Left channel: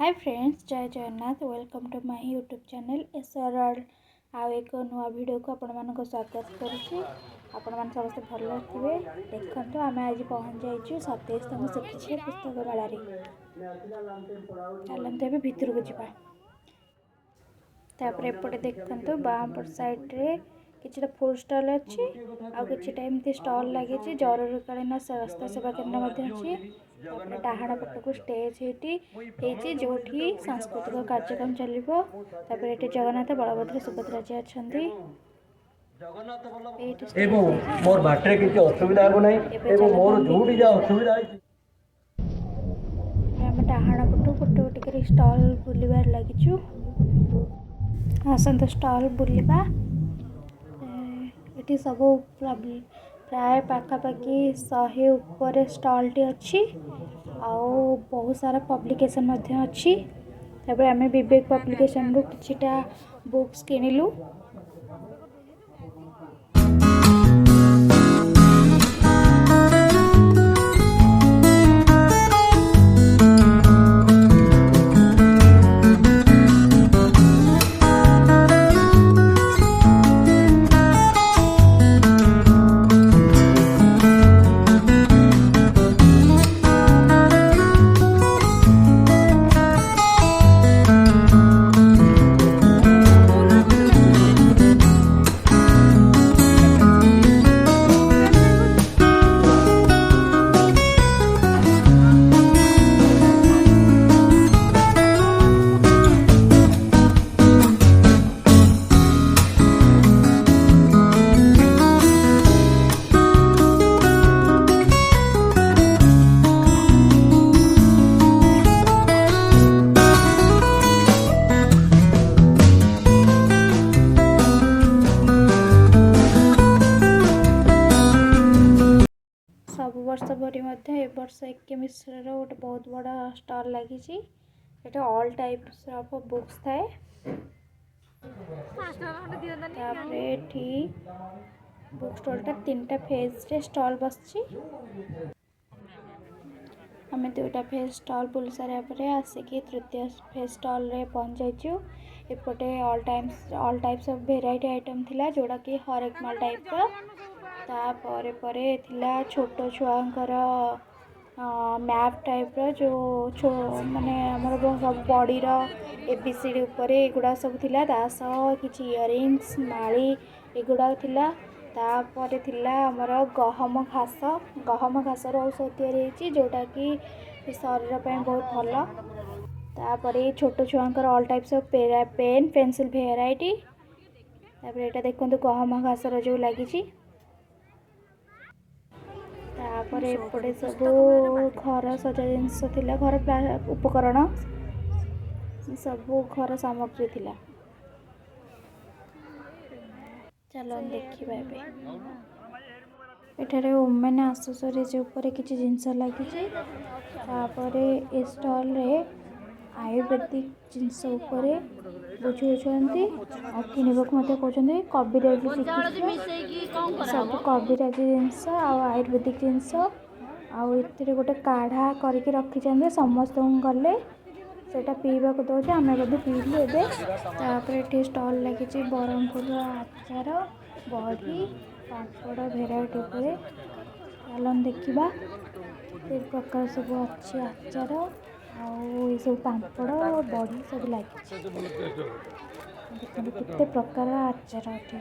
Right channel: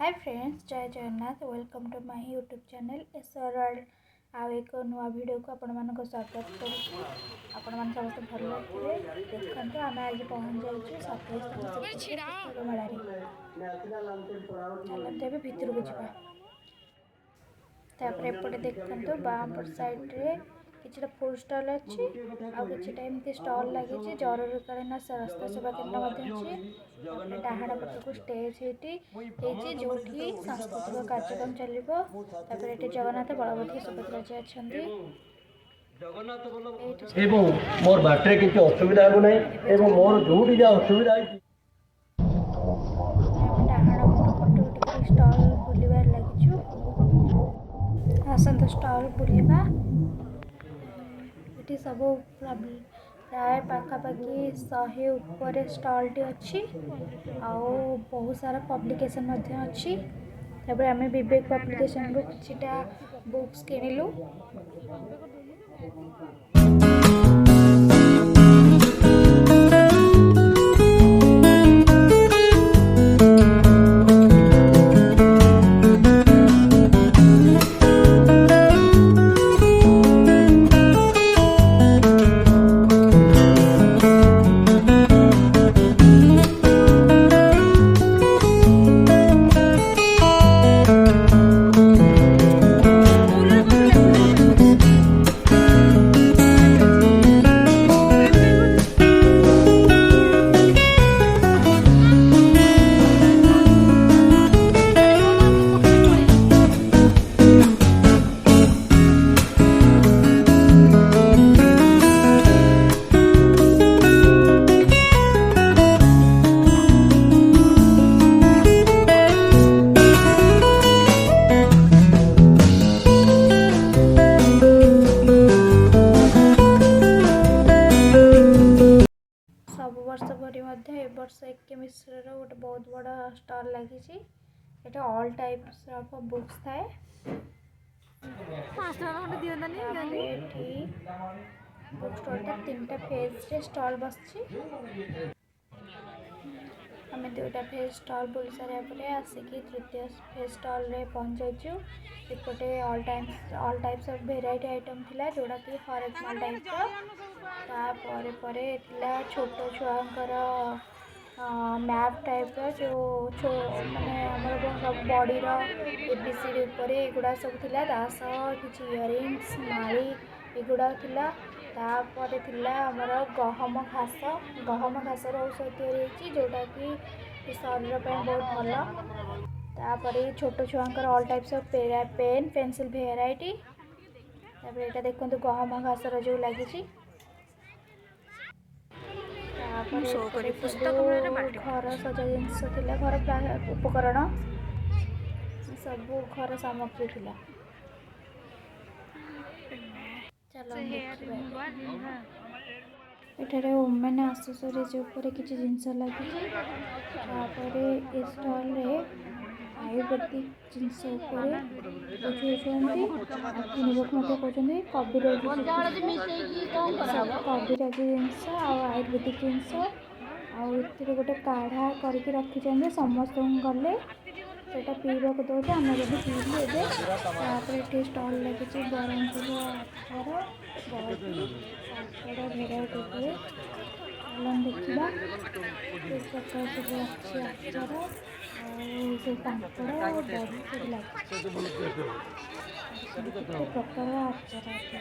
हाय friends, जय Jagannath. Welcome to my YouTube channel SR world. आउ एक नुआ वीडियो को आपण मानक स्वागत करुच्ची। आपण मान समस्त भल थे। देखते आम आज पहुँच जाइए 27तम श्रीक्षेत्र पुस्तक मेल। चलते भितर को जापर एपटे देखते बामपट सैड्रे किसी फुड स्टल अच्छी आउ कि एमती स्टल लगी जरूरीकालीन स्वास्थ्य सेवा केन्द्र अच्छी। डाहाण पट को स्टेज होती जो सांस्कृतिक कार्यक्रम चलो। ये जगन्नाथ बलभद्र सुभद्रा जी अच्छा मोर बाटे किसी असुविधा होना मोर जो असुविधा डाहाण पटू गोटे गोटे स्टल बुलबार लगिचु। आसत स्टल बुलवा ये सब प्राय पाखापाखि 100 ऊपर स्टल अच्छी आउ बहुत सारा पब्लिकेशन अच्छी। तब आम विवेक पब्लिकेशन रू किछिटा बुक्स किनिलु। सब वर्ष भरी ए वर्ष एक मिश्र गोटे बहुत बड़ा स्टल लगी। ऑल टाइप्स ऑफ बुक्स थाए। बुक स्टॉलटा 3टा फेज रे स्टॉल बस। आम 2टा फेज स्टॉल बुल सारे आसिकी तृतीय फेज स्टॉल रे पहुँच जाइचु। एपटे all types of variety item थिला जोड़ा कि हर एक माल टाइप तापर थिला छोट छुआंकर मैप टाइप जो माने सब बॉडी रो एबीसीडी ऊपर एगुड़ा सब थिला। दासह किछि इयरिंग्स माली एगुड़ा थिला। तापर थिला हमर गहम घास औषध तैयारी जोटा कि शरीर बहुत भल। तापर छोट छुआंकर all types of pen pencil variety. तापर एटा देखंतु गहम घास जो लगी। घर सजा जिनस थिला घर उपकरण सब घर सामग्री थिला। चलो देखिबा एठारे वुमेन एक्सेसरीज ऊपर किछि जिनस लगी। ए स्टॉल रे आयुर्वेदिक जिनस ऊपर बुझेछंती आ किनिबक मते कहउछंती। कविराजी सब कविराजी जिनस आ आयुर्वेदिक जिनस आउ एथिरे गोटे काढ़ा करके रखिछंती। समस्त गले सेटा पीवा को दौचे आम भी पीलु एबे। ये स्टल लगी बरहमपुर आचार बड़ी पापड़ भेराइटी हुए। चलन देखा एक प्रकार सब अच्छी आचार सब पापड़ बड़ी सब लगे। केते प्रकार आचार अच्छी।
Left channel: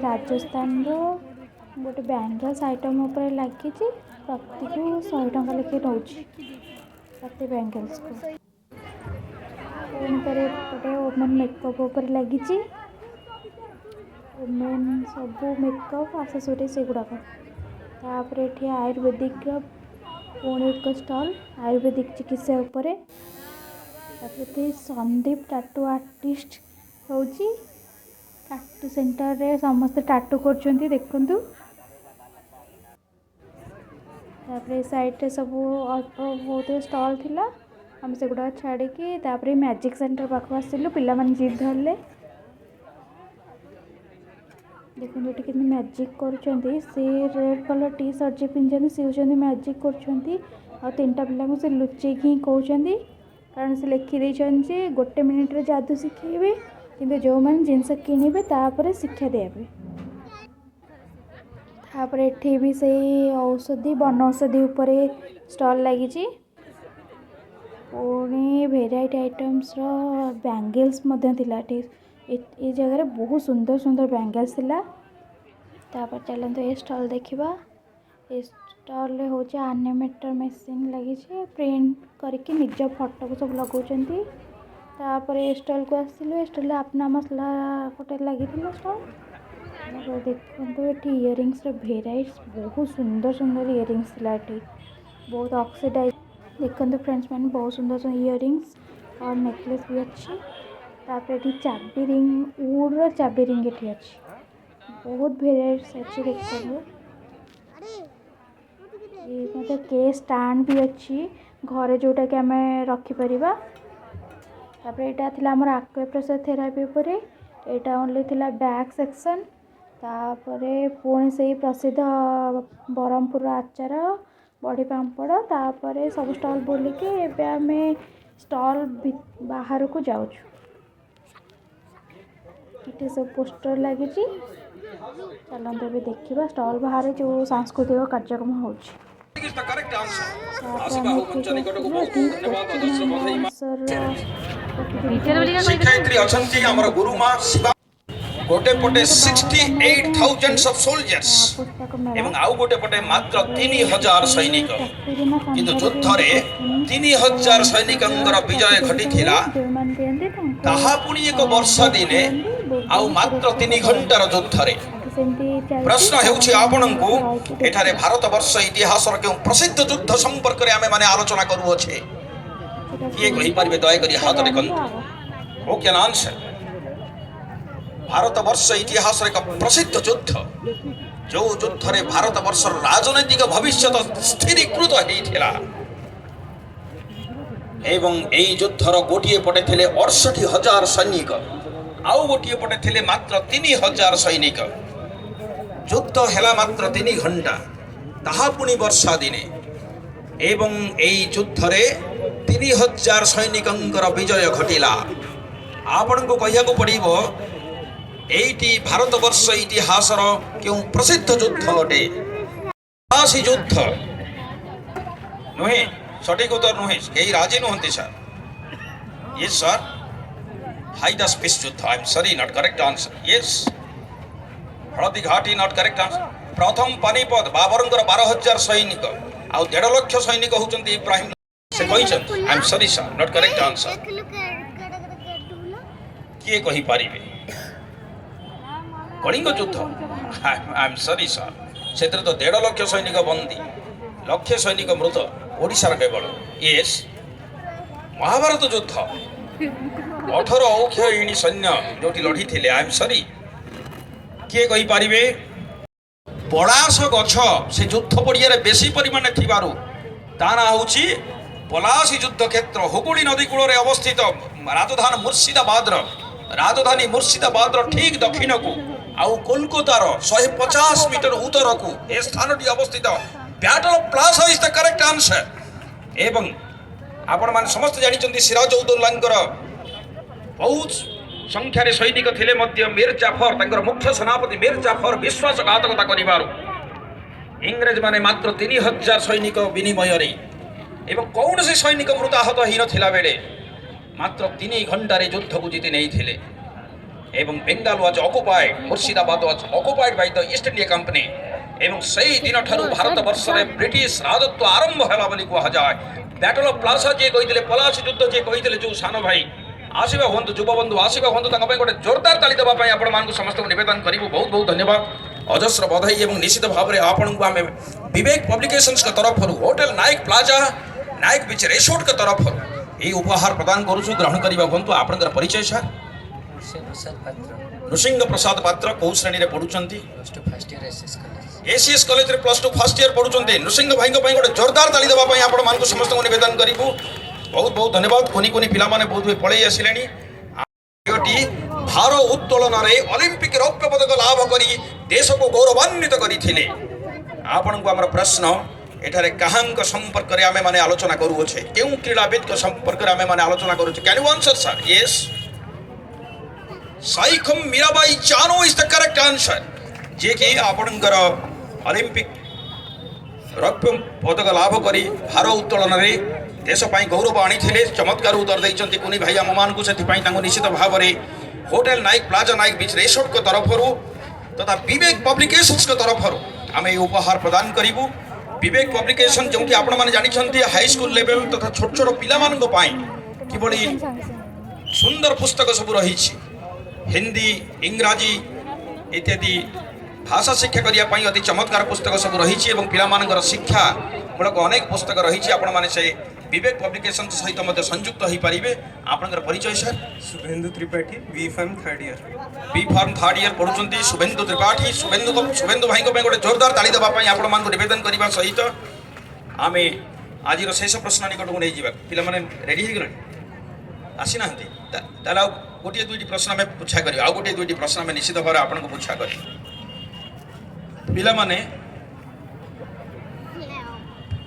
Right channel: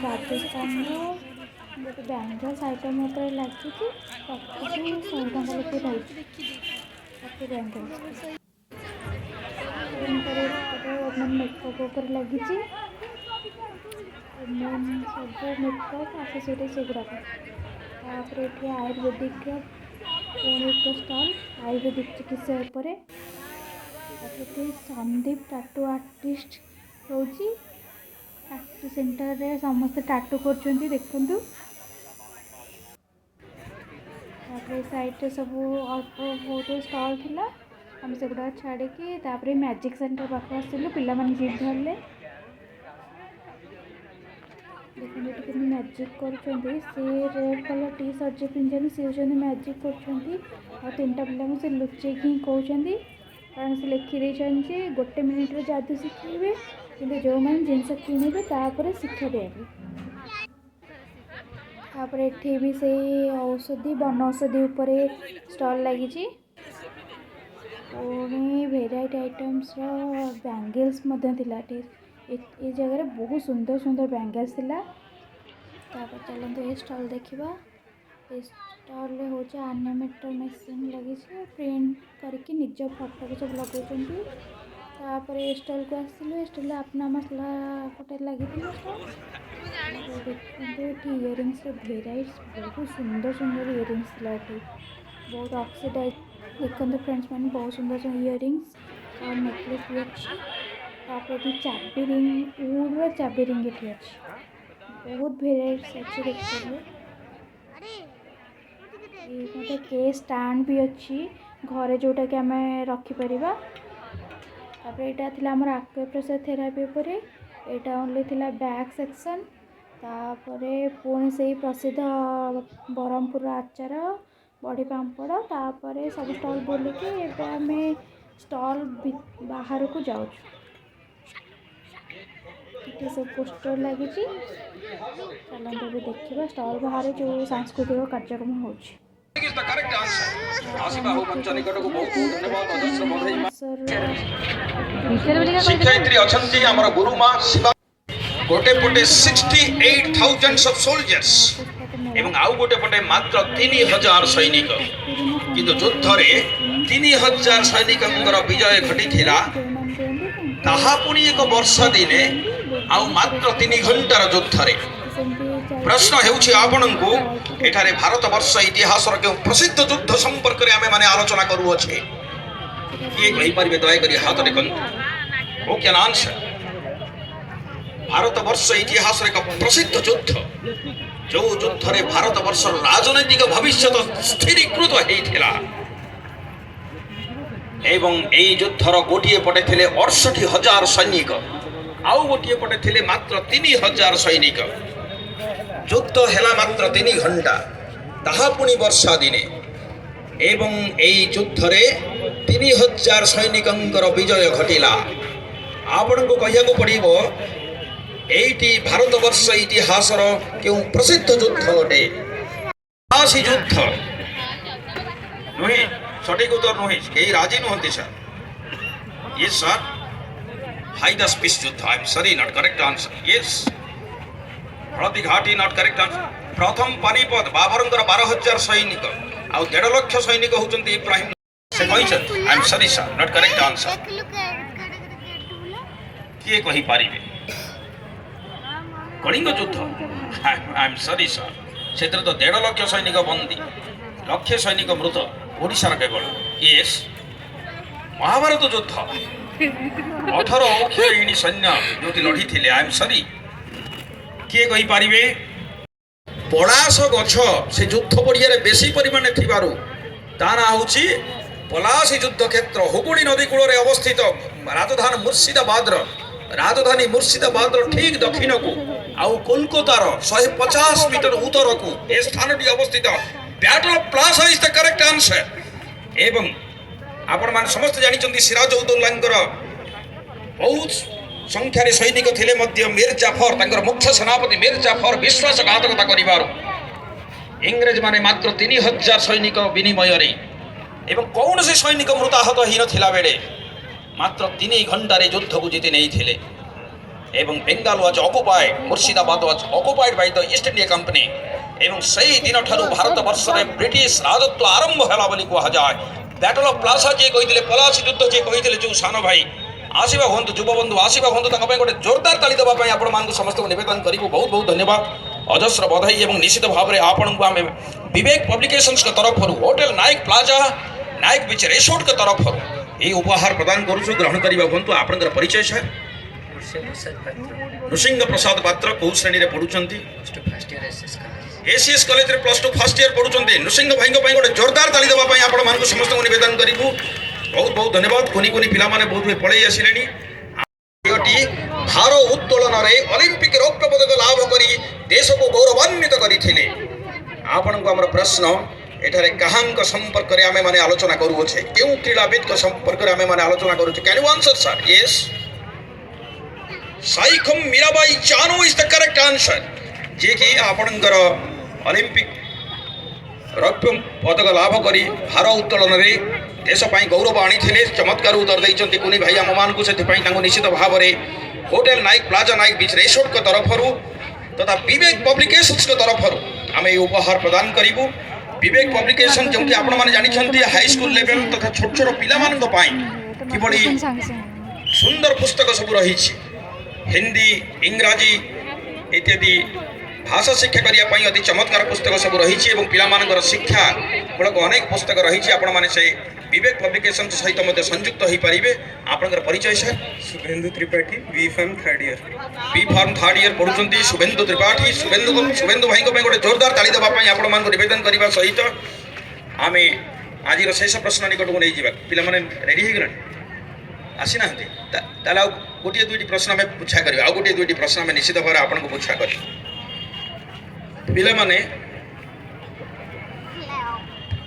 राजस्थान गोटे बैंगल्स आइटम उपर लगी प्रति 100 टका लेखे रोचे प्रति बैंगल्स को। वुमेन मेकअप उपर लगी वुमेन सब मेकअप एक्सेसरीज से गुड़ाक। ये आयुर्वेदिक पुणी एक स्टल आयुर्वेदिक चिकित्सा उपर। संदीप टाटू आर्टिस्ट होची टाटू सेंटर रे समस्त टाटू करछंती देखंतु। साइड सब अल्प बहुत स्टल थिला आम से गुड़ा छाड़ी मैजिक सेंटर पाख आसलु। पिला माने जिद धरले देखते कि मैजिक कर रेड कलर टी सर्ट जो पिंधि सी मैजिक कर ଆଉ 3ଟା ପିଲାଙ୍କୁ ସେ ଲୁଚେଇକି ହିଁ କହୁଛନ୍ତି, କାରଣ ସେ ଲେଖିଦେଇଛନ୍ତି ଯେ 1 ମିନିଟ୍ରେ ଯାଦୁ ଶିଖେଇବେ, କିନ୍ତୁ ଯେଉଁମାନେ ଜିନିଷ କିଣିବେ ତାପରେ ଶିକ୍ଷା ଦିଆଯିବ। ତାପରେ ଏଠି ବି ସେଇ ବନୌଷଧି ଉପରେ ଷ୍ଟଲ୍ ଲାଗିଛି। ପୁଣି ଭେରାଇଟି ଆଇଟମ୍ସର ବ୍ୟାଙ୍ଗେଲ୍ସ ମଧ୍ୟ ଥିଲା ଏଠି। ଏ ଜାଗାରେ ବହୁତ ସୁନ୍ଦର ସୁନ୍ଦର ବ୍ୟାଙ୍ଗେଲ୍ସ ଥିଲା। ତାପରେ ଚାଲନ୍ତୁ ଏ ଷ୍ଟଲ୍ ଦେଖିବା। ଏ ଷ୍ଟଲ୍ରେ ହେଉଛି ଆନିମେଟର ମେସିନ୍ ଲାଗିଛି, ପ୍ରିଣ୍ଟ କରିକି ନିଜ ଫଟୋକୁ ସବୁ ଲଗାଉଛନ୍ତି। ତାପରେ ଏ ଷ୍ଟଲ୍କୁ ଆସିଲୁ। ଏ ଷ୍ଟଲ୍ରେ ଆପନା ମସଲା ଗୋଟେ ଲାଗିଥିଲା ଷ୍ଟଲ୍। ଦେଖନ୍ତୁ ଏଠି ଇୟରିଙ୍ଗସର ଭେରାଇଟି ବହୁତ ସୁନ୍ଦର ସୁନ୍ଦର ଇୟରିଙ୍ଗସ ଥିଲା ଏଠି, ବହୁତ ଅକ୍ସିଡାଇଜ। ଦେଖନ୍ତୁ ଫ୍ରେଣ୍ଡସ୍ ମାନେ ବହୁତ ସୁନ୍ଦର ସୁନ୍ଦର ଇୟରିଙ୍ଗସ और नेकलेस भी अच्छी। तापर एठी चाबी रिंग उडर चाबी रिंग एठी अच्छी, बहुत भेराइट्स अच्छी देखिए। ये के स्टैंड भी अच्छी घरे जोटा कि आम रखिपर। तापर यहाँ थिला हमर एक्यूप्रेशर थेरापी उपर, यहाँ ओनली थिला बैक सेक्शन। तापरे पुणी से प्रसिद्ध ब्रह्मपुर आचार बड़ी पापड़। तापरे सब स्टॉल बुलिकी एबे आम स्टॉल बाहर को जाऊँ। ये सब पोस्टर लगी, चलते भी देखा स्टॉल बाहर जो सांस्कृतिक कार्यक्रम हो। शिक्षयित्री अछंती हमर गुरुमा शिवा गोटे पटे 68,000 ऑफ सोल्जर्स एवं आउ गोटे पटे मात्र 3,000 सैनिक, किंतु युद्ध रे 3,000 सैनिकंकर विजय घटिथिला। ताहा पुणी एक वर्ष दिने आउ मात्र 3 घंटार युद्ध रे। प्रश्न हेउछि आपनकु एठारे भारत वर्ष इतिहासर के प्रसिद्ध युद्ध संपर्क रे आमे माने आलोचना करू अछि। किए कहि परिबे दया करी हाथ रे कन ओ क्या आंसर। भारत वर्ष इतिहास एक प्रसिद्ध युद्ध, जो युद्ध रे भारत वर्ष राजनैतिक भविष्य स्थिरीकृत होइथिला एवं एई युद्धर गोटिए पटे थिले 68,000 सैनिक, आउ गोटिए पटे थिले मात्र 3,000 सैनिक। युद्ध हेला मात्र 3 घंटा, ताहा पुणी वर्षा दिने एवं एई युद्ध रे 3,000 सैनिकंकर विजय घटिला। आपनको कहिया को पड़िबो एटी भारत वर्ष इतिहासर क्यों प्रसिद्ध युद्ध अटे। पलासी युद्ध नुहे, सठिक उत्तर नुहे, कई राजी नुहंती सर। यस सर, हाइदास पीस युद्ध। आई am sorry, not correct answer. Yes, हळदी घाटी नॉट करेक्ट आंसर। प्रथम पानीपत बाबरंकर 12,000 सैनिक आउ 1.5 लाख सैनिक होचंती इब्राहिम से कहिसन। I am sorry sir, not correct answer. किए कहि पारिबे कलिंग युद्ध? आई एम सॉरी सर, से तो 1.5 लाख सैनिक बंदी, लक्ष सैनिक मृत, ओडिशार केवल। यस, महाभारत युद्ध 18 अक्षयिणी सैन्य जो लड़ी थे। आई एम सॉरी, किए कहि पारिबे? पलाश गछ से युद्ध पड़िया बेसी परिमाण थिबारु ता ना होची पलासी युद्ध क्षेत्र। हुगुली नदी कूल अवस्थित राजधानी मुर्शिदाबाद ठीक दक्षिण को आउ कोलकातार 150 मीटर उत्तर को ए स्थानटी अवस्थित। Battle plaza is the correct answer. एवं आपण मान समस्त जानिचंती सिराजउद्दौलांकर बहुत संख्यार सैनिक थिले मध्य मीर जाफर तांकर मुख्य सेनापति मीर जाफर विश्वासघातकता करिबारु इंग्रेज माने मात्र 3,000 सैनिक विनिमय रे एवं कौन से सैनिक मृताहत ही नथिला बेले मात्र 3 घंटार युद्ध को जीति नहीं थिले। एवं Bengal was occupied, Murshidabad was occupied by the east India company. एवं सही दिन ठारू भारत वर्ष में ब्रिटिश राजत्व आरंभ होला बोली कहा जाए। बैटल ऑफ प्लाजा जे कहिथिले, पलासी युद्ध जे कहिथिले, जो सान भाई आशीर्वाद हुंतु, युवा बंधु आशीर्वाद हुंतु, ताका पय गोटे जोरदार ताली देबा पय आपण मानकु समस्त निवेदन करिबु। बहुत बहुत धन्यवाद, अजस्र बधाई। एवं निश्चित भाव में आपको आम विवेक पब्लिकेशंस के तरफ होटल नायक प्लाजा नायक बीच रिसोर्ट के तरफ ये उपहार प्रदान करूँ। ग्रहण करवा बंतु आपनकर परिचय सर। नृसिंह प्रसाद पात्र कौ श्रेणी रे पढ़ुचंती? एसीएस कॉलेज रे +2 फर्स्ट ईयर पढ़ुचंती। नृसिंह भाई गोटे जोरदार ताली देबा पय आपण मानकु समस्त निवेदन करिबु। बहुत बहुत धन्यवाद। कोनी कोनी पिला माने बहुत पळै आसिलेनी। भार उत्तोलन रे ओलंपिक रौप्य पदक लाभ करी देश को गौरवान्वित करथिले। आपण को हमर प्रश्न एठारे कहां संपर्क में आम मैंने आलोचना करुचे क्यों क्रीड़ाविद संपर्क में आम मैंने आलोचना करुचे can you answer sir yes Saikhom Mirabai Chanu is the correct answer जे कि आपणकर ओलंपिक रौप्य पदक लाभ कर भार उत्तोलन में देशपाई गौरव आनी चमत्कार उत्तर देते कुनी भाई आम मान को निश्चित भाव में होटेल नाइक प्लाजा नाइक बीच रिसोर्ट तरफ तथा विवेक पब्लिकेशंस तरफ आम ये उपहार प्रदान करूँ विवेक पब्लिकेशन जो कि आपण मैंने जानते हाई स्कूल लेवल तथा छोट छोट पिला किभली सुंदर पुस्तक सब रही हिंदी इंग्राजी इत्यादि भाषा शिक्षा करने अति चमत्कार पुस्तक सब रही पिला शिक्षा मूलक अनेक पुस्तक रही आपण मैंने से विवेक पब्लिकेशन सहित मध्य संयुक्त हो पारे आपंकर परिचय sir Subhendu Tripathi B Pharm third year पढ़ुं शुभेन्दु त्रिपाठी शुभेन्दु भाई गोटे जोरदार ताली देवाई आपण मान निवेदन करने सहित आम आज शेष प्रश्न निकट को नहीं जावा पिला माने रेडी हो गले आसी ना गोटे दुईटी प्रश्न आम पूछा कर गोटे दुईटी प्रश्न आम निश्चित भाव आपको पूछा कर पिला माने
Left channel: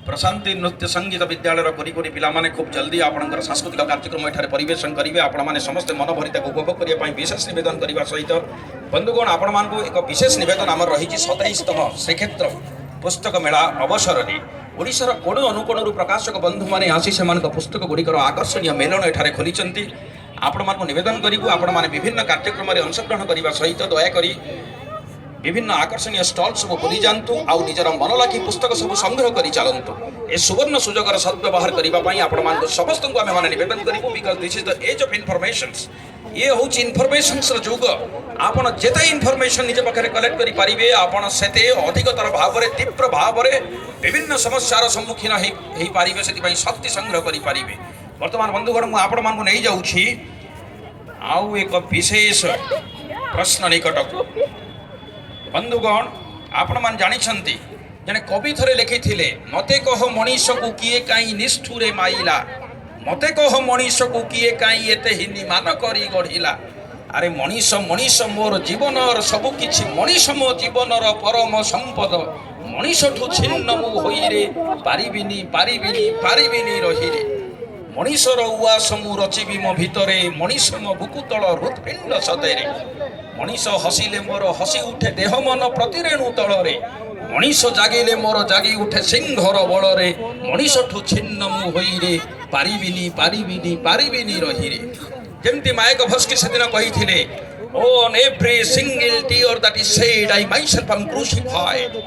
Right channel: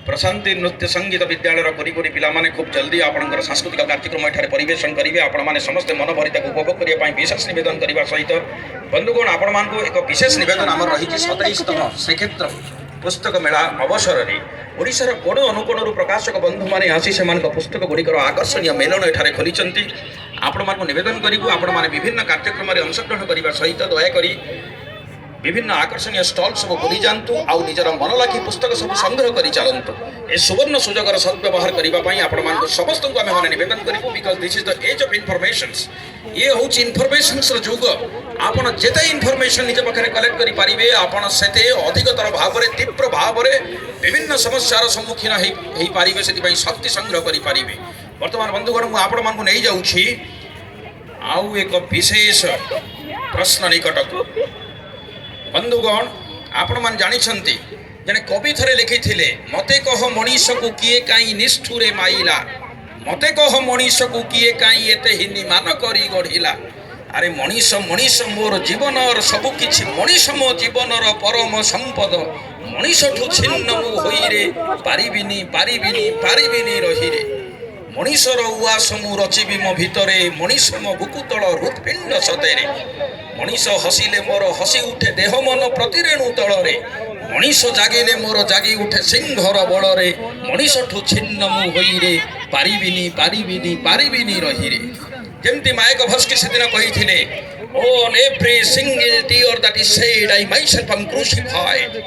प्रशांति नृत्य संगीत विद्यालय करी पिला माने खूब जल्दी आपंकर सांस्कृतिक कार्यक्रम एठारे परिवेशन करेंगे आपण मैंने समस्त मन भरी उपभोग करने विशेष निवेदन करने सहित बंधुगण आपण मानक एक विशेष निवेदन आम रही 27तम श्रीक्षेत्र पुस्तक मेला अवसर में ओडिशार कोण अनुकोण प्रकाशक बंधु मैंने आसी से पुस्तक गुड़िकर आकर्षणीय मेलन एठारे खोली आपण मान निवेदन करूँ आपण मैंने विभिन्न कार्यक्रम में अंशग्रहण करने सहित दयाकोरी विभिन्न आकर्षणीय स्टॉल सब खोली जातु आउ निजर मन लगी पुस्तक सब संग्रह कर चलतु ए सुवर्ण सुजोगर सद्व्यवहार करने आपण समस्त को आम निवेदन करूँ because this is the age of informations ये हूँ इनफॉरमेशंस जुग आपण जेते इनफॉरमेशन निज पाखे कलेक्ट करि पारिबे आपण सेते अधिकतर भाव में तीव्र भाव में विभिन्न समस्यार सम्मुखीन हो पारिबे से शक्ति संग्रह करि पारिबे वर्तमान बंधुगण मु आपण मानकु नहीं जाउछि आउ एक विशेष प्रश्न निकट बंधुगण आपण मान जानिछंती जने कवि थरे लिखिथिले मते कह मनीष को किए काई निष्ठुरे माइला मते कह मनीष को किए काई एते हिनी मान करी गढ़िला अरे मनीष मनीष मोर जीवनर सब किछि मनीष मो जीवनर परम संपद मनीष ठु छिन्न मु होई रे पारिबिनी पारिबिनी पारिबिनी रही रे मनीषर उआस मु रचिबी मो भितरे मनीष मो बुकुतल हृत्पिंड सतेरे मनीष हसिले मोर हसी उठे देह मन प्रतिरेणु तलरे मनीष जागिले मोर जागी उठे सिंहर बड़े मनीष ठु छिन्न मु होई रे पारिबिनी पारिबिनी पारिबिनी रही रे जेमती मायक भस्की से दिन कही on every single tear that is said I myself am crucified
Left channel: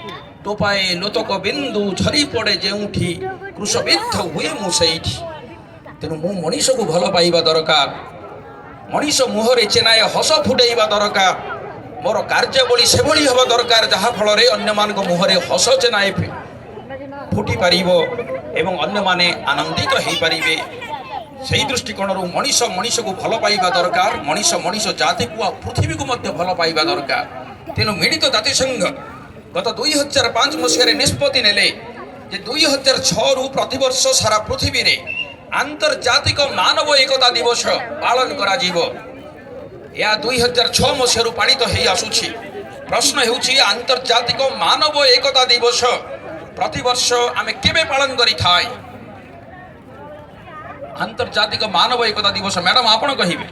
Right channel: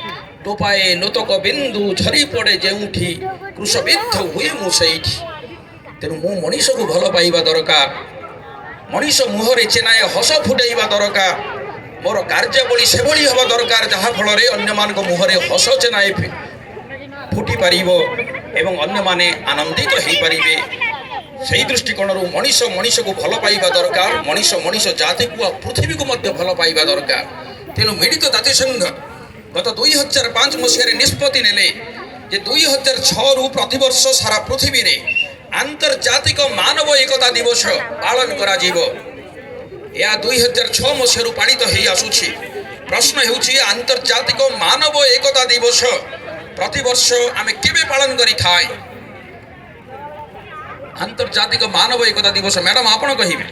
टोपाए लोतक बिंदु झरी पड़े जेउठी क्रूशबिद्ध हुए मु सेठी तेणु मु मनीष को भल पाइबा दरकार मनीष मुहरे चेनाए हस फुटेबा दरकार मोर कार्यावली से भली हवा दरकार जहाँ फल अन्य मान मुहरे हस चेनाए फुटी पारिबो एवं अन्य माने आनंदित हो पारिबे से दृष्टिकोण मनीष मनीष को भल पाइबा दरकार मनीष मनीष जाति को पृथ्वी को मध्य भल पाइबा दरकार तेणु मिलित जातिसंघ गत 2005 मसीह निष्पत्ति नेले जे 2006 रु प्रतिवर्ष सारा पृथ्वी रे आंतर्जातिक मानव एकता दिवस पालन करा जीवो या 2006 मसीह पालित हो आसुछि प्रश्न हेउछि आंतर्जातिक मानव एकता दिवस प्रतिवर्ष आमे केबे पालन करि थाय आंतर्जातिक मानव एकता दिवस मैडम आपण कहिबे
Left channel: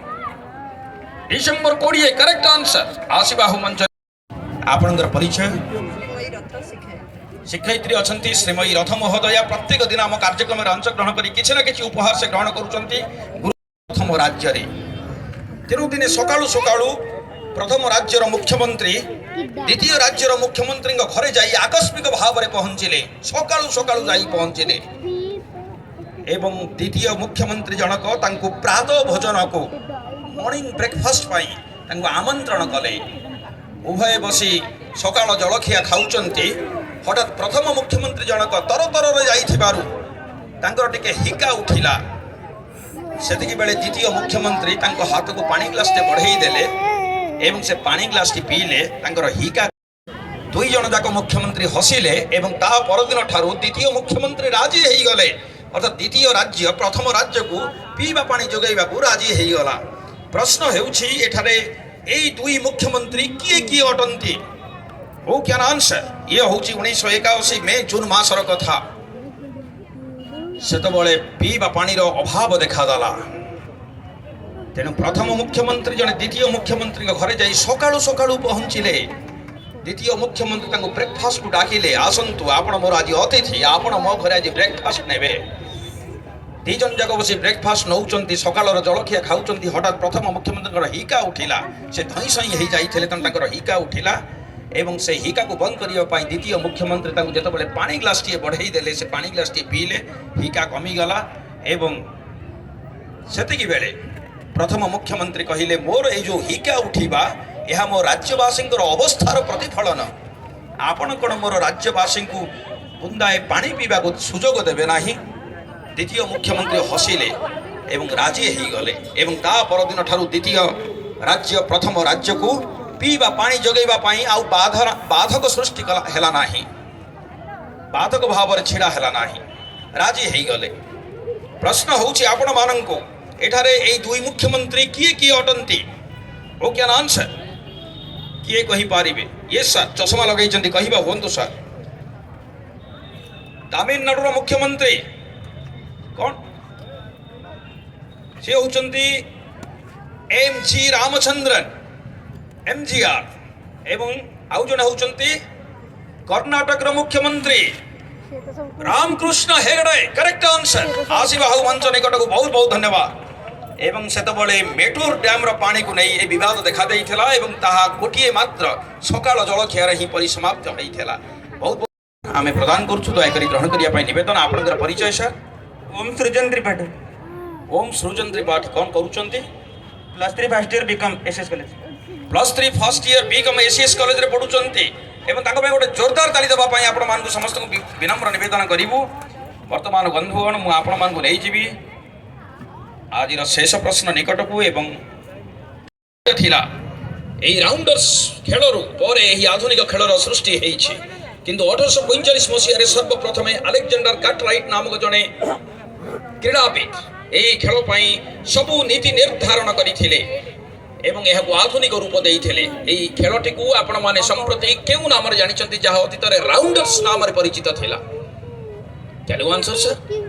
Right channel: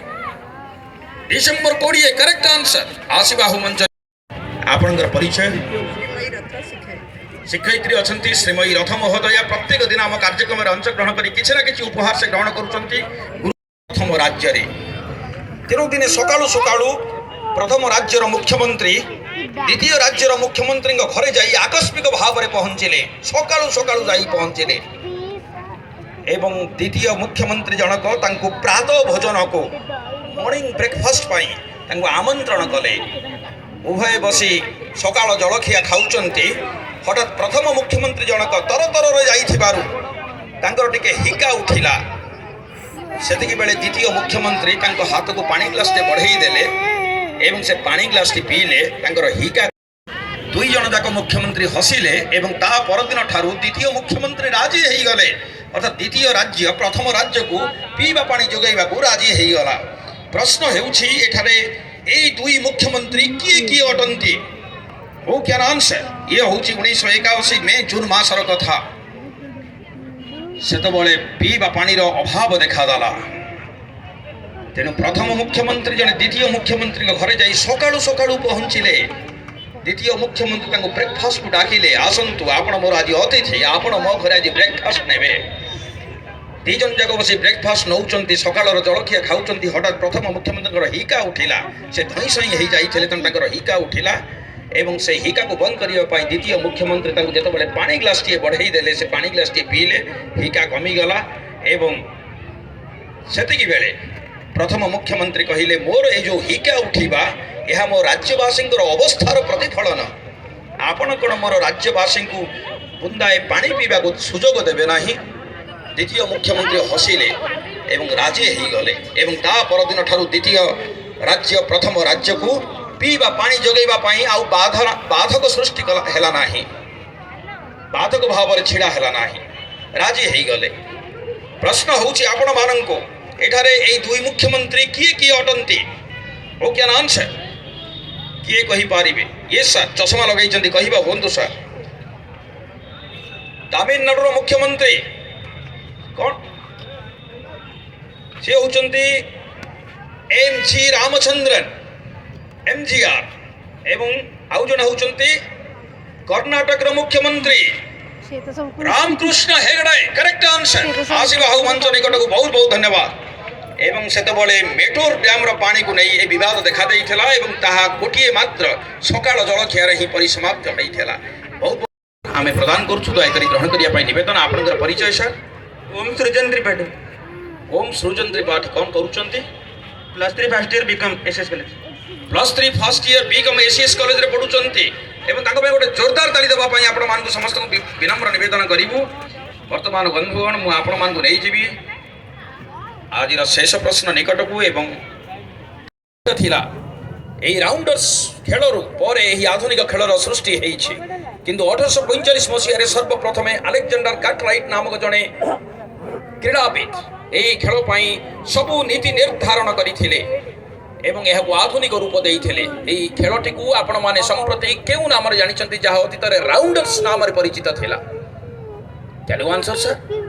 डिसेंबर 20 करेक्ट आंसर आसीबाहु मंच आपनकर परिचय शिक्षयित्री अच्छा श्रीमयी रथ महोदया प्रत्येक दिन आम कार्यक्रम में अंशग्रहण कर किसी ना कि उपहार से ग्रहण कर प्रथम राज्य तेणु दिन सकालू सकालू प्रथम राज्यर मुख्यमंत्री द्वितीय राज्यर मुख्यमंत्री घरे जाई आकस्मिक भाव में पहुंचले सकालू सकालू जाई पहुंचले एवं द्वितीय मुख्यमंत्री जनक तांको प्रातः भोजन को मॉर्निंग ब्रेकफास्ट पाई आमंत्रण कले उभय बसी सकाल जलखिया खाऊचंती हठात प्रथम मुख्यमंत्री जनक तरतर जाइथिबारु टिके हिका उठिला सेतिकी बेले द्वितीय मुख्यमंत्री हाथ को पानी ग्लास टे बढ़ई देले एवं से पानी ग्लास टी पीले हिका दुई जन जाक मुख्यमंत्री हसिले एवं ता परदिन ठारू द्वितीय मुख्यमंत्री राजी हो गले अर्थात द्वितीय राज्य प्रथम राज्य को पीवा पानी जोगाइबा को राजी हो गला प्रश्न हेउछि एठारे एई दुई मुख्यमंत्री किए किए अटंती हो क्या अंश ये हूँ 1981 मे जून मासर कथा सेतबले पीवा पानीर अभाव देखादेला तेणु प्रथम मुख्यमंत्री जने द्वितीय मुख्यमंत्री घरे जाई सकाळु सकाळु पहुँचिले द्वितीय मुख्यमंत्री ब्रेकफास्ट को डाकिले आसतु आपण मोर आज अतिथि आपण मो घरे आज ब्रेकफास्ट नेबे दीजन जाक बस ब्रेकफास्ट नौ सकाल जलखिया खाऊँ हठात प्रथम मुख्यमंत्री हिका उठिला से धई सई हो जाते हिका उठिला एवं से हिका को बंद करने द्वितीय मुख्यमंत्री जितेबाला पानी ग्लास टे बढ़ई देले से पानी ग्लास टे पीले हिका कमीगला एवं सेतिकी बेले प्रथम मुख्यमंत्री कहले मोर ए जो हिका उठिबा यह मो राज्यवासी अवस्थार प्रतिफलन आपण कौन मोर राज्यवासी को बुंदाए पानी पीवा को सुजोग देवे ना द्वितीय मुख्यमंत्री हसिले एवं राजी हो गले एवं ता परदिन ठारू द्वितीय राज्य प्रथम राज्य को पीवा पानी जगैवा आउ बाधक सृष्टि है ना बाधक भाव छिड़ा है ना राजी हो गले प्रश्न हूँ आपण मानू एठारे ए दुई मुख्यमंत्री किए किए अटंती ओ क्या नाम से किए कही पारिबे ये सर चश्मा लगे कहबा हूँ सर तमिलनाडुर मुख्यमंत्री कौन से होचंती एम.जी. रामचंद्रन एमजीआर एवं आउ जने होचंती कर्नाटक मुख्यमंत्री रामकृष्ण हेगड़े करेक्ट आंसर आसीबा हाउ मंच निकट को बहुत बहुत धन्यवाद एवं सेतबले मेटूर डैम पानी को नहीं ए विवाद देखा देइथिला एवं ताहा गोटिए मात्र सकाळ जलखिया ही परिसमाप्त होइथिला बहुत आमे प्रदान करछु दयाकरी ग्रहण करिया पई निवेदन आपनकर परिचय सर ओम सृजन त्रिपाठी ओम सृजन त्रिपाठी कौन करूचंती +3 first year BCom SS college +3 first year BCom ACS college रे पढुचंती एवं ताको पे गोटे जोरदार ताली देबा पई आपण मान को समस्त को विनम्र निवेदन करिवु वर्तमान बंधुगण मु आपण मान को नै जीवी आज शेष प्रश्न निकट को एवं थिला एही राउंडर्स खेलरु पर एही आधुनिक खेलर सृष्टि हेछि किंतु 1845 मसीह रे सर्वप्रथमे अलेक्जेंडर कार्टराइट नामक जने क्रीड़ाविद एही खेल पई सबु नीति निर्धारण करिथिले एवं यह आधुनिक रूप देइथिले एही खेलटी को आपण माने संप्रति केउ नाम रे जानिचंती जहा अतीत रे राउंडर्स नाम रे परिचित थिला can you answer sir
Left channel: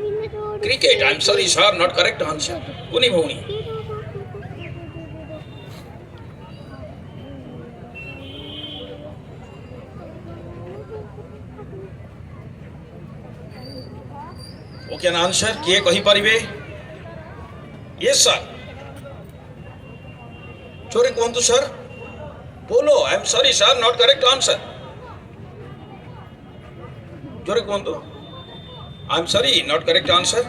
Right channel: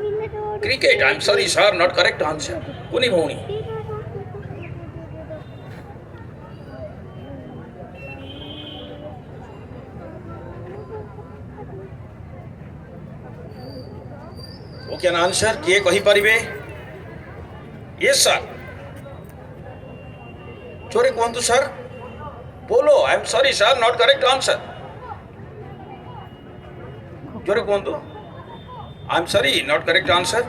cricket I am sorry sir not correct answer कुनी भौणी ओके आंसर किए कहि परिबे यस सर चोरी कहतु सर बोलो I am sorry sir not correct answer जोरे कहतु I am sorry not correct answer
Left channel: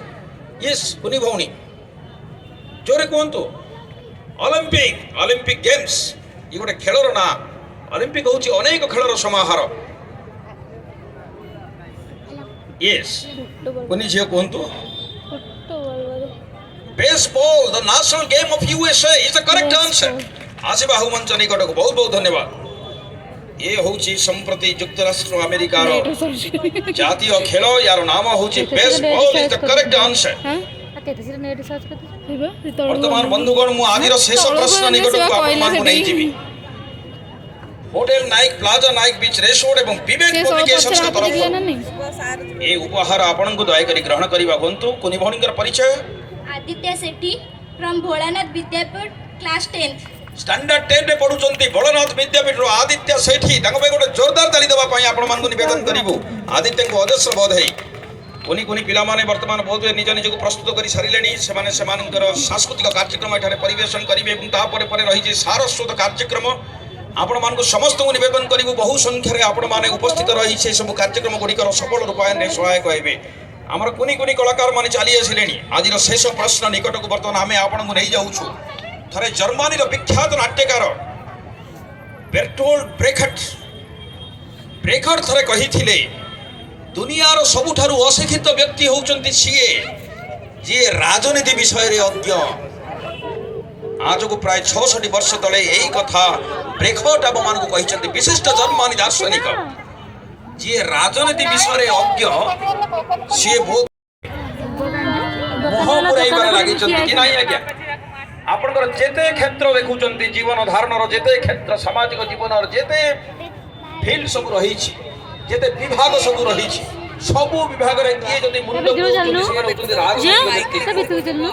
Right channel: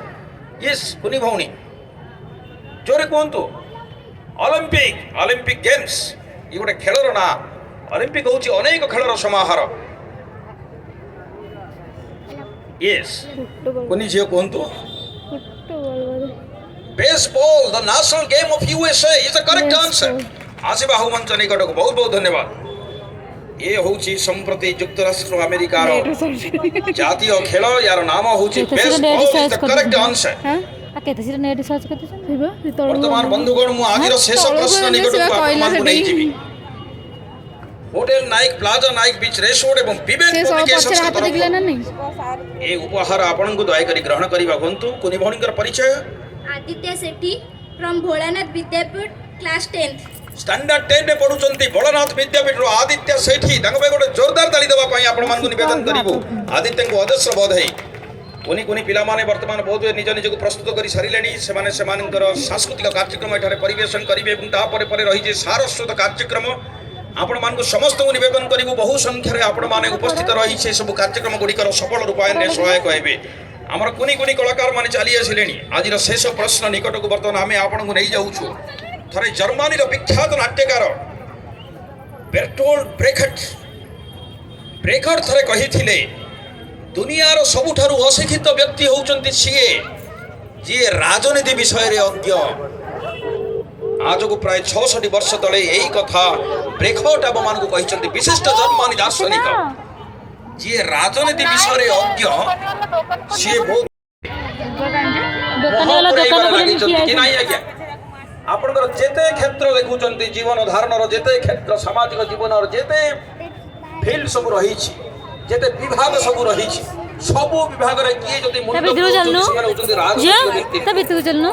yes कुनी भौणी जोरे कहतु ओलंपिक ओलंपिक गेम्स ये गोटे खेलर ना ओलंपिक होची अनेक खेलर समाहार यस कुनी झियो कहतु baseball the national game of USA is the correct answer आसिबा हु मंच निकट को बहुत बहुत धन्यवाद ये होची संप्रति युक्तराष्ट्र अमेरिका रो जातीय खेल यार नाम होची baseball is the correct answer वर्तमान बंधुगण मु आजिर शेष प्रश्न निकट को आपन नै जीवी होटल नाइक प्लाजा नाइक बीच रेस रोड एवं विवेक कम्युनिकेशन तरफ ए उपहार आपन को दया करी ग्रहण करिबा बंतु कुनी भौणीकर परिचय Aditya Sethi from Bholanath Vidyapeeth class 10 standard 10 रे पढुचंती भोलानाथ विद्यापीठ रो आदित्य सेठी तांको पे गोटे जोरदार ताली देबा पई आपण मान को निवेदन करिवो आदित्य को अदस्य बधाई कोनी कोनी पिला माने वर्तमान बहुत निज निज को प्रस्तुत करी सारिलेनी सेमाने सेमानकर सांस्कृतिक कार्यक्रम एठारे परिवेशन करिवे एवं ता परे परे रही जे सारस्वत कार्यक्रम आपण मान को समस्त को निवेदन करिवो बहु संख्या रे आपण माने उपस्थित रही से सब कार्यक्रम गुड़िकर सफल रूपायन रे सहायक हेबे आमर कोनी कोनी कलाकार माने चली आसिलेनी आज शेष प्रश्न निकट को बर्तमान आम आपण को नहीं जाऊँ थरे जर्मनी विख्यात नाट्यकार बेर्टोल्ड ब्रेखट थरे कही दुनियार सबुठारु अशिक्षित व्यक्ति होउचंती सीए जी राजनीति विषय रे अज्ञ आज को प्राय 66 वर्ष तले यही कथा ब्रेखट आप मान को कही विशिष्ट जर्मनी दार्शनिक जी राजनीति विषय रे अज्ञ सी बहुत मोह पुराइबार लागि कि नाही आज्ञा आपनकर जेते क्षेत्र देखुचंती जीवन धारणर जेते क्षेत्र सामाजिक जीवनर जेते ଫିଲ୍ଡ ସବୁ ରହିଛି ଯେତେ ବିଭାଗ ସବୁ ରହିଛି ସବୁ ବିଭାଗରେ କିଏ ଯଦି ମୁଣ୍ଡ ବୁଲାଉଛନ୍ତି ସେମାନେ ହେଉଛନ୍ତି ରାଜନୈତିକ ବ୍ୟକ୍ତି। ତେଣୁ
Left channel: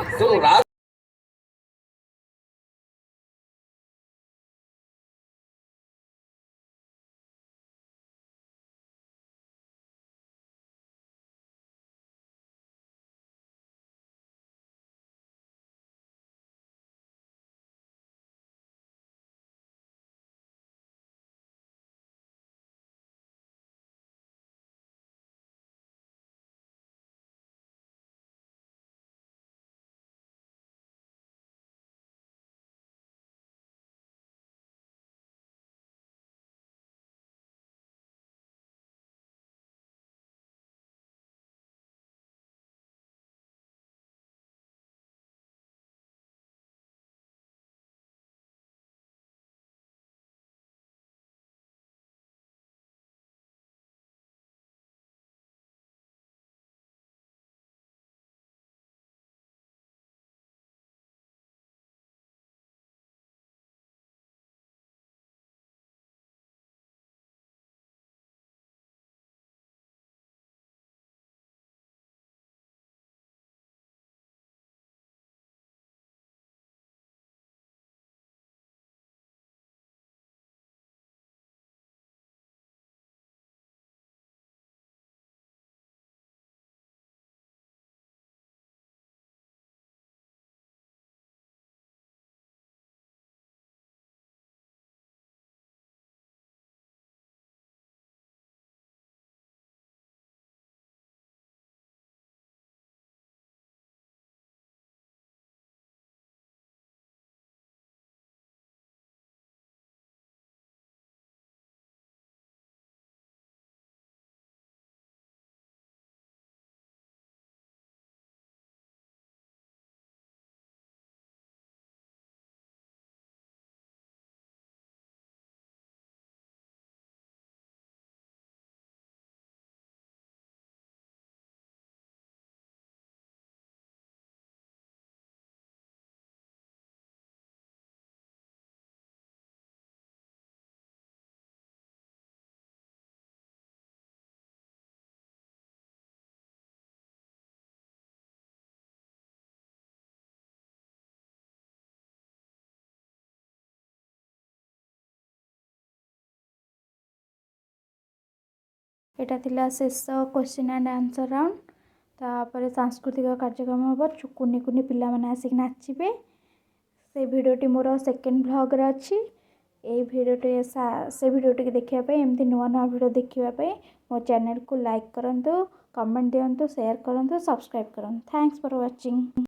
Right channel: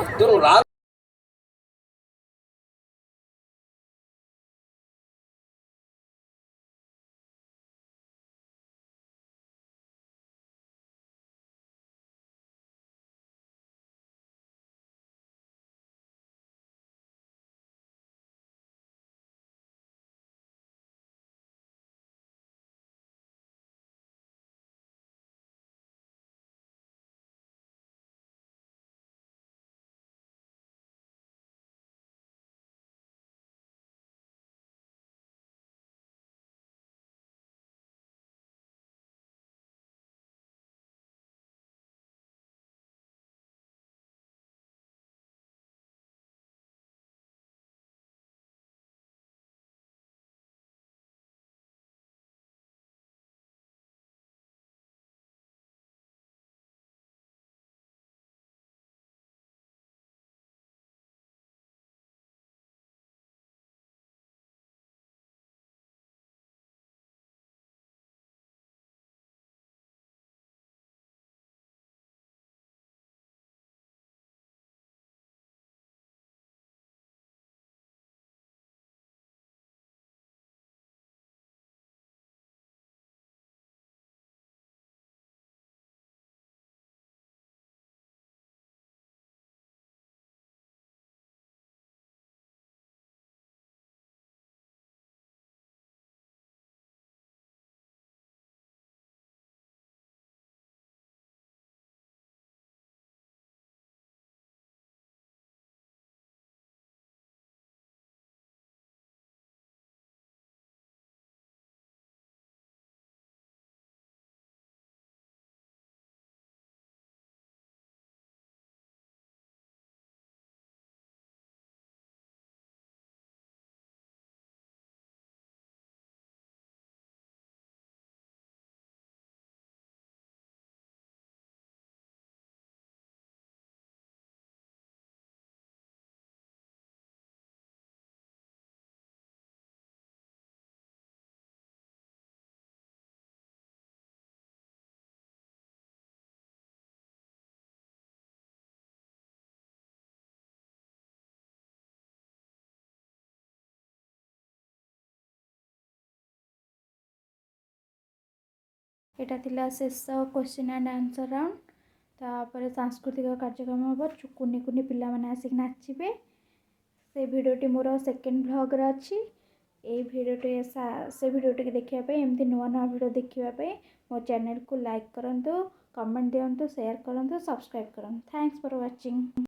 एटा थिला शेष क्वेश्चन एंड आंसर राउंड। तापर सांस्कृतिक कार्यक्रम हम कुनि कुनि पिला माने आसिक नाचिबे। से भिडियोटी मोर सेकेंड ब्लॉग रे अछि। ए भिडियोटी से भिडियोटी देखिया एमती नुआ नुआ भिडियो देखिया मो चैनल को लाइक करंतु, कमेंट दियंतु, शेयर करंतु, सब्सक्राइब करंतु। Thanks for watching.